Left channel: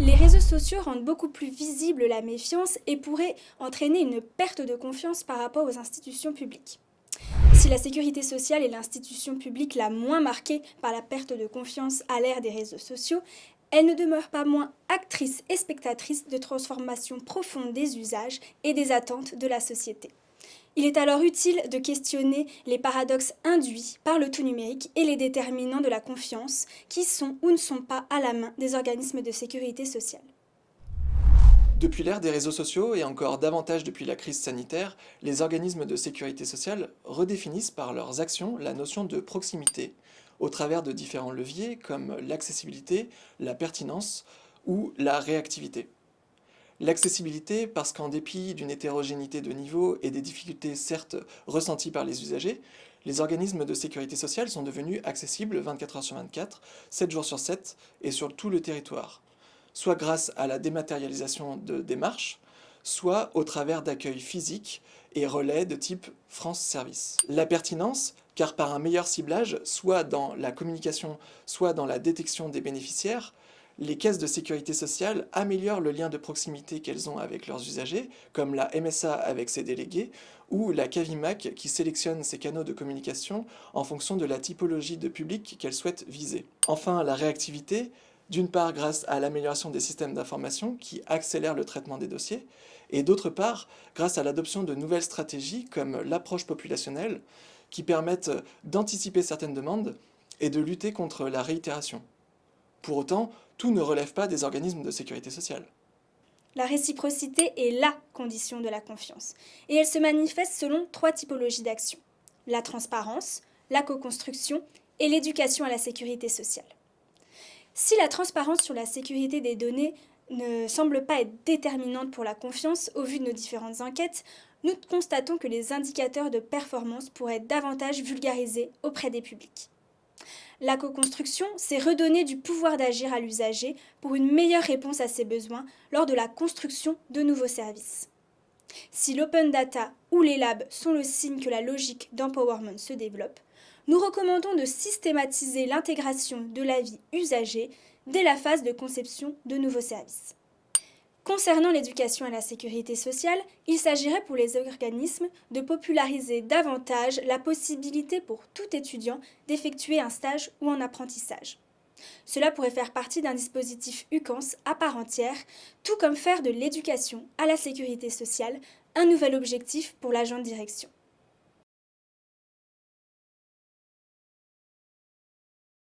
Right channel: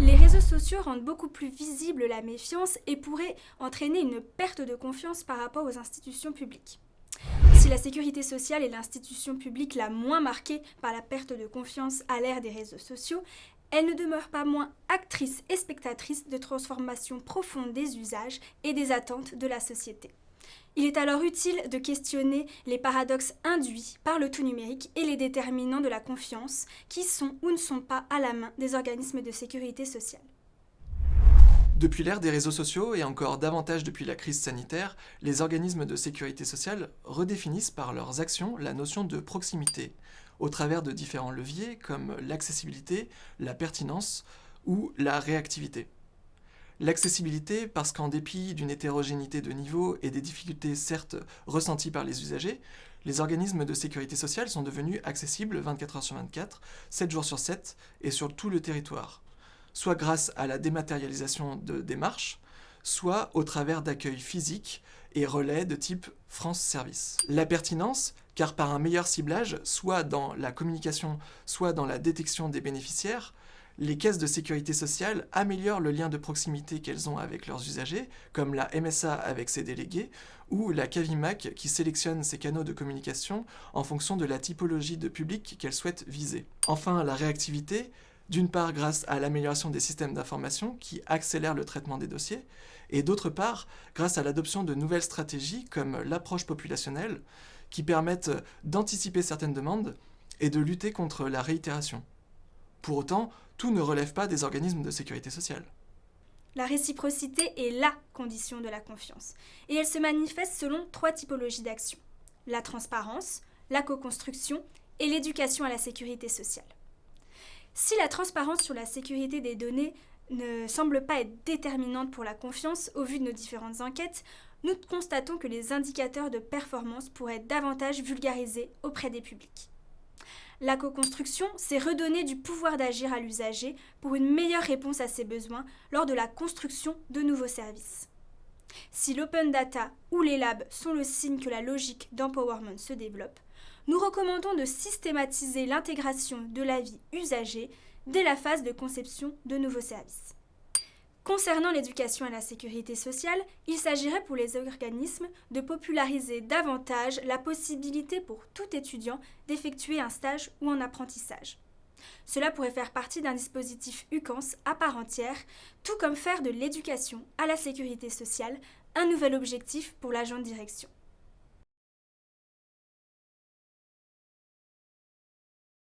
Les réseaux sociaux rendent beaucoup plus visible la méfiance et pourraient entraîner une perte de confiance par rapport aux institutions publiques. Si la sécurité sociale est l'institution publique la moins marquée par la perte de confiance à l'ère des réseaux sociaux, elle ne demeure pas moins actrice et spectatrice de transformations profondes des usages et des attentes de la société. Il est alors utile de questionner les paradoxes induits par le tout numérique et les déterminants de la confiance qui sont ou ne sont pas à la main des organismes de sécurité sociale. Depuis l'ère des réseaux sociaux et encore davantage depuis la crise sanitaire, les organismes de sécurité sociale redéfinissent par leurs actions la notion de proximité, au travers de différents leviers comme l'accessibilité, la pertinence ou la réactivité. L'accessibilité parce qu'en dépit d'une hétérogénéité de niveau et des difficultés certes ressenties par les usagers, les organismes de sécurité sociale sont devenus accessibles 24 heures sur 24, 7 jours sur 7 et sur tout le territoire, soit grâce à la dématérialisation de démarches, soit au travers d'accueils physiques et relais de type France Service. La pertinence, car par un meilleur ciblage, soit dans la communication, soit dans la détection des bénéficiaires, les caisses de sécurité sociale améliorent le lien de proximité qu'elles ont avec leurs usagers, comme la MSA avec ses délégués, ou la Cavimac qui sélectionne ses canaux de communication en fonction de la typologie de public qu'elle souhaite viser. Enfin, la réactivité, d'une part grâce à l'amélioration des systèmes d'information qui accélèrent le traitement des dossiers, et d'autre part grâce à l'adoption de nouvelles stratégies comme l'approche populationnelle, qui permettent d'anticiper certaines demandes et de lutter contre la réitération. Pour autant, tout ne relève pas des organismes de sécurité sociale. La réciprocité est la condition de la confiance, et elle se manifeste selon trois typologies d'action: la transparence, la co-construction et l'éducation à la sécurité sociale. Si la transparence sur la sécurité des données ne semble pas être déterminante pour la confiance au vu de nos différentes enquêtes, nous constatons que les indicateurs de performance pourraient être davantage vulgarisés auprès des publics. La co-construction, c'est redonner du pouvoir d'agir à l'usager pour une meilleure réponse à ses besoins lors de la construction de nouveaux services. Si l'open data ou les labs sont le signe que la logique d'empowerment se développe, nous recommandons de systématiser l'intégration de l'avis usagé dès la phase de conception de nouveaux services. Concernant l'éducation à la sécurité sociale, il s'agirait pour les organismes de populariser davantage la possibilité pour tout étudiant d'effectuer un stage ou un apprentissage. Cela pourrait faire partie d'un dispositif UCANS à part entière, tout comme faire de l'éducation à la sécurité sociale un nouvel objectif pour l'agent de direction.